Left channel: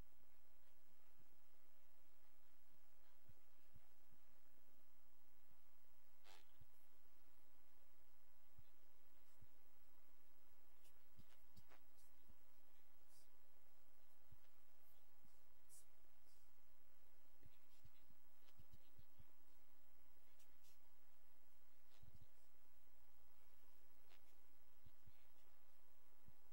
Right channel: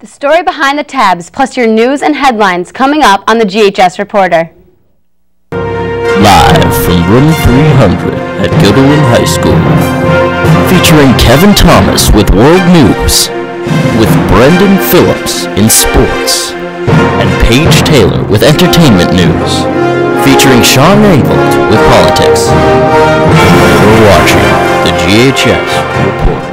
The story behind the tabs, plus your news and headlines coming up on the GHS Reporter. Live from room 300 at Gilderland High School, featuring Kevin Thomas with World News, with Brendan Phillips in sports, and Paige Taylor with entertainment news, featuring Sean Ringvold with politics. You're watching the GHS Reporter.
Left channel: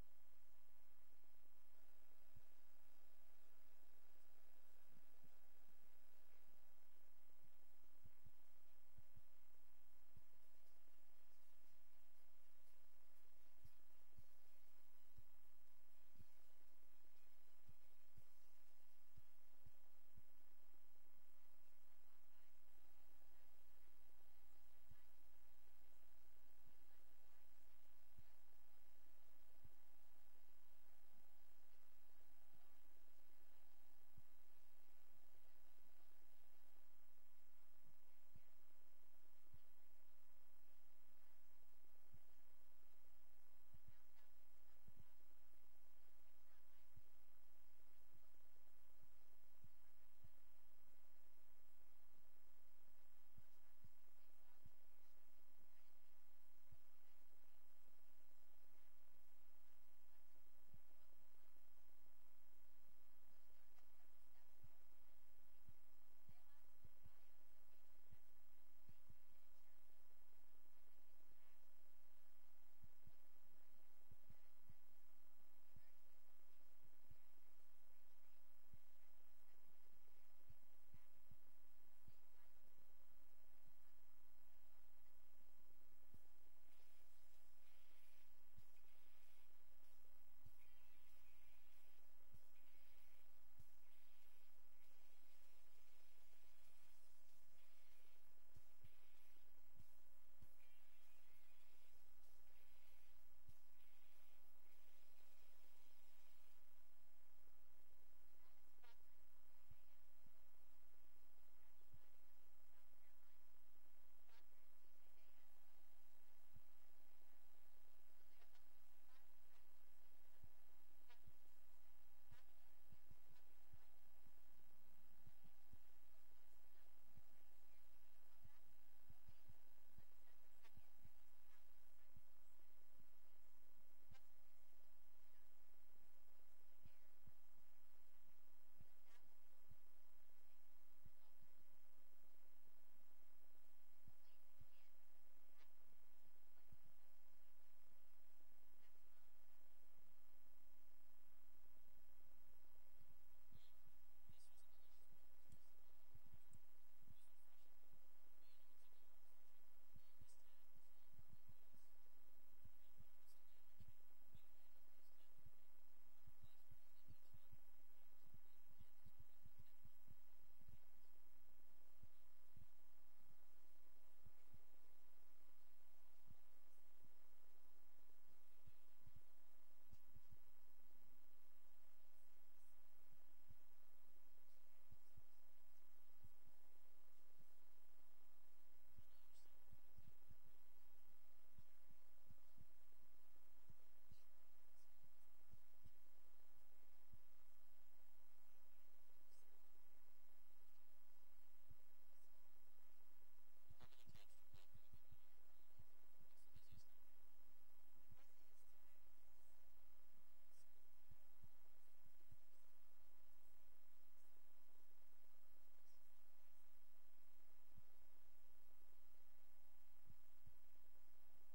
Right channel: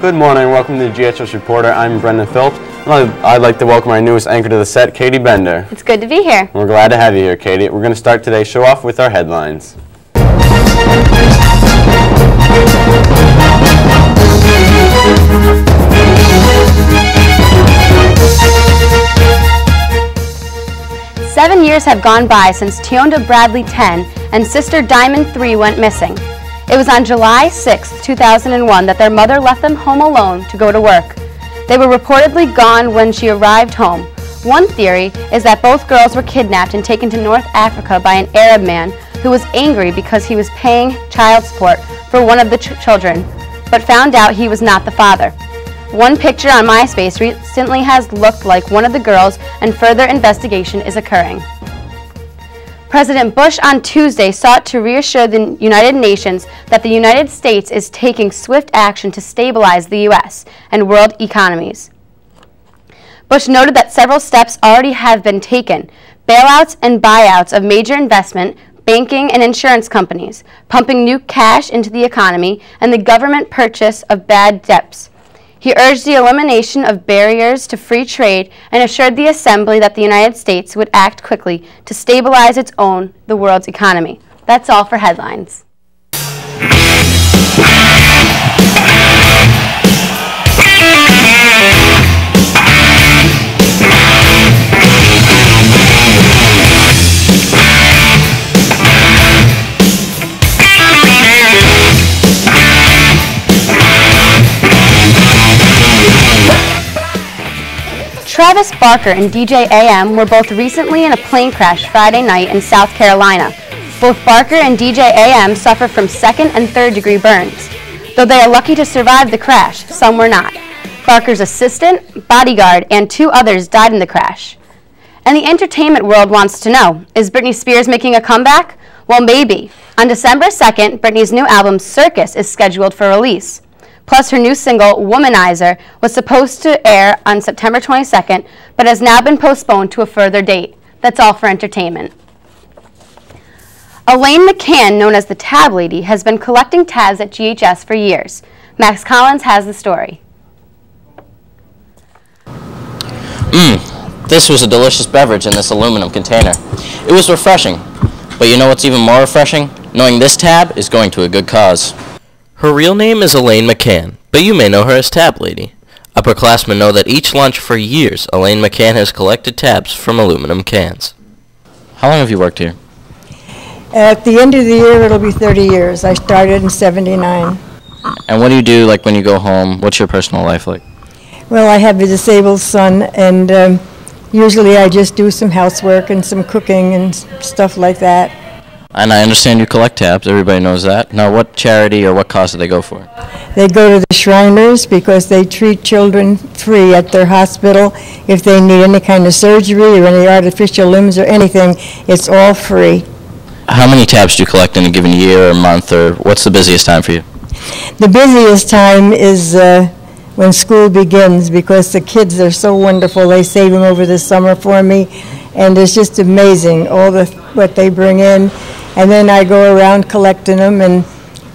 Good morning, welcome to the GHS Reporter. I'm Brendan Phillips. I'd like to welcome our newest anchor to the set, Katie Bender. It's good to be here. We're glad to have you here, Katie. We're going to start today's show off with our headlines. Seven years have gone by since Tionda Bradley 10 and sister Diamond 3 went missing. It was on July 6, 2001 that their mother left them home alone to go to work. They were reportedly gone when she arrived home. One theory is that both girls were kidnapped and taken to North Africa by an Arab man who was angry because he was paying child support for one of the children, but found out he was not the father. One picture on MySpace recently has looked like one of the girls, and further investigation is occurring. President Bush on Tuesday sought to reassure the United Nations that the United States is taking swift action to stabilize the U.S. and world economies. Bush noted that several steps already have been taken: bailouts and buyouts of major investment, banking, and insurance companies, pumping new cash into the economy, and the government purchase of bad debts. He urged the elimination of barriers to free trade and assured the Assembly that the United States would act quickly to stabilize the world's economy. That's all for headlines. Travis Barker and DJ AM were both recently in a plane crash Friday night in South Carolina. Both Barker and DJ AM suffered from second and third degree burns. Though they are lucky to survive the crash, some were not. Barker's assistant, bodyguard, and two others died in the crash. And the entertainment world wants to know, is Britney Spears making a comeback? Well, maybe. On December 2nd, Britney's new album, Circus, is scheduled for release. Plus, her new single, Womanizer, was supposed to air on September 22nd, but has now been postponed to a further date. That's all for entertainment. Elaine McCann, known as the Tab Lady, has been collecting tabs at GHS for years. Max Collins has the story. This was a delicious beverage in this aluminum container. It was refreshing, but you know what's even more refreshing? Knowing this tab is going to a good cause. Her real name is Elaine McCann, but you may know her as Tab Lady. Upperclassmen know that each lunch for years, Elaine McCann has collected tabs from aluminum cans. How long have you worked here? At the end of the year, it'll be 30 years. I started in '79. And what do you do, like, when you go home? What's your personal life like? Well, I have a disabled son, and usually I just do some housework and some cooking and stuff like that. And I understand you collect tabs. Everybody knows that. Now, what charity or what cause do they go for? They go to the Shriners because they treat children free at their hospital. If they need any kind of surgery or any artificial limbs or anything, it's all free. How many tabs do you collect in a given year or month, or what's the busiest time for you? The busiest time is when school begins, because the kids are so wonderful. They save them over the summer for me, and it's just amazing what they bring in. And then I go around collecting them, and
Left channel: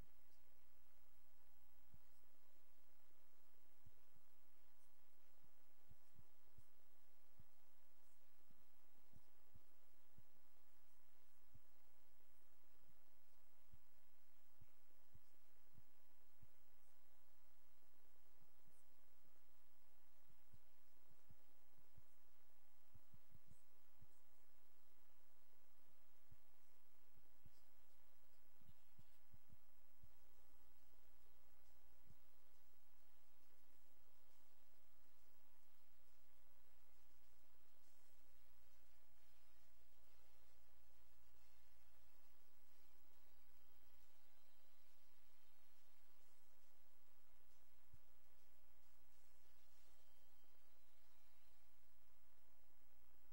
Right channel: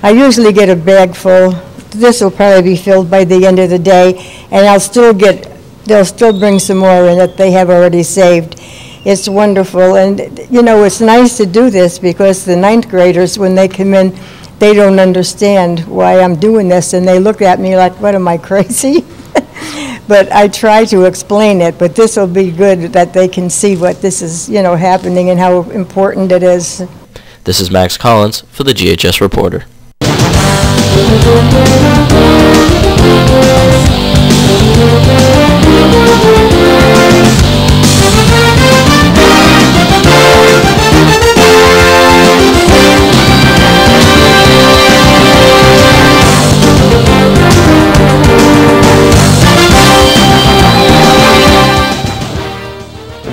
I usually get a bag full. This will probably be filled by the end of the day, and they'll still bring some more in that they have already saved. It's wonderful, and you know, it's nice to do this because the ninth graders, when they come in, they don't understand why I'm doing this, and they look at me like, what, am I crazy? But I try to explain it, but this will be good that they can see what this is, you know, happening and how important it is. This is Max Collins for the GHS Reporter.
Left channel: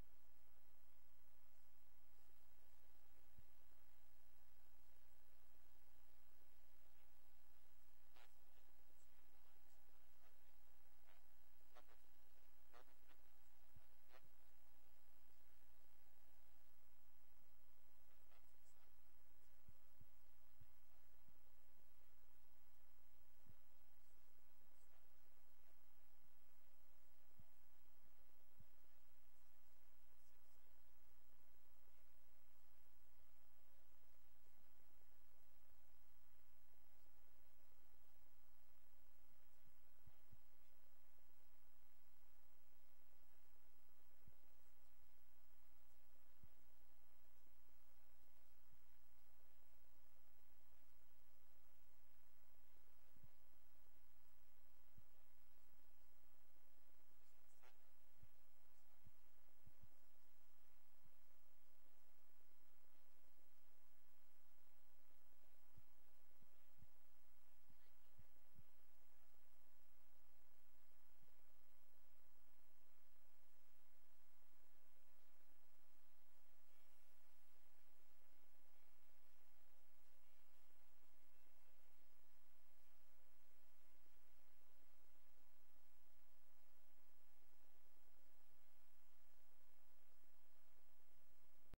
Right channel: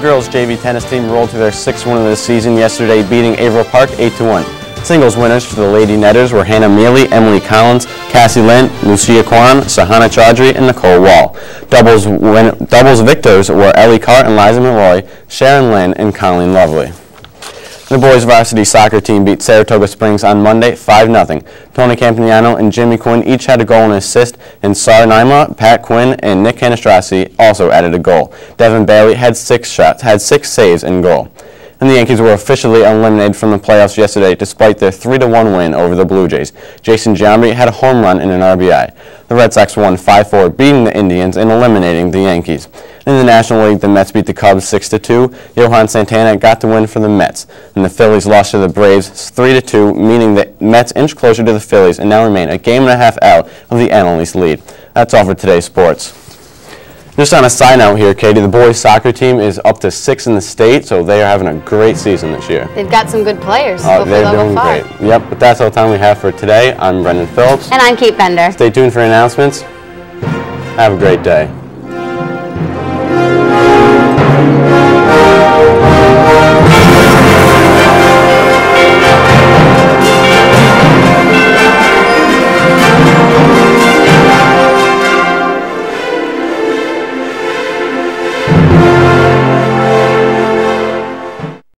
girls JV tennis team rolled to their 6th win of the season yesterday, beating Averill Park 8-1. Singles winners for the Lady Netters were Hannah Mealy, Emily Collins, Cassie Lynn, Lucia Kwan, Sahana Chaudhry, and Nicole Wall. Doubles victors were Ellie Carr and Liza Malloy, Sharon Lynn, and Colleen Lovely. The boys varsity soccer team beat Saratoga Springs on Monday 5-0. Tony Campagnano and Jimmy Quinn each had a goal and assist, and Sar Naima, Pat Quinn, and Nick Canastrassi also added a goal. Devin Bailey had 6 saves in goal. And the Yankees were officially eliminated from the playoffs yesterday despite their 3-1 win over the Blue Jays. Jason Giambi had a home run and an RBI. The Red Sox won 5-4, beating the Indians and eliminating the Yankees. In the National League, the Mets beat the Cubs 6-2. Johan Santana got the win for the Mets. And the Phillies lost to the Braves 3-2, meaning the Mets inched closer to the Phillies and now remain a game and a half out of the NL East lead. That's all for today's sports. Just on a side note here, Katie, the boys soccer team is up to 6 in the state, so they are having a great season this year. They've got some good players. They're doing great. Yep, but that's all the time we have for today. I'm Brendan Phillips. And I'm Kate Bender. Stay tuned for announcements. Have a great day.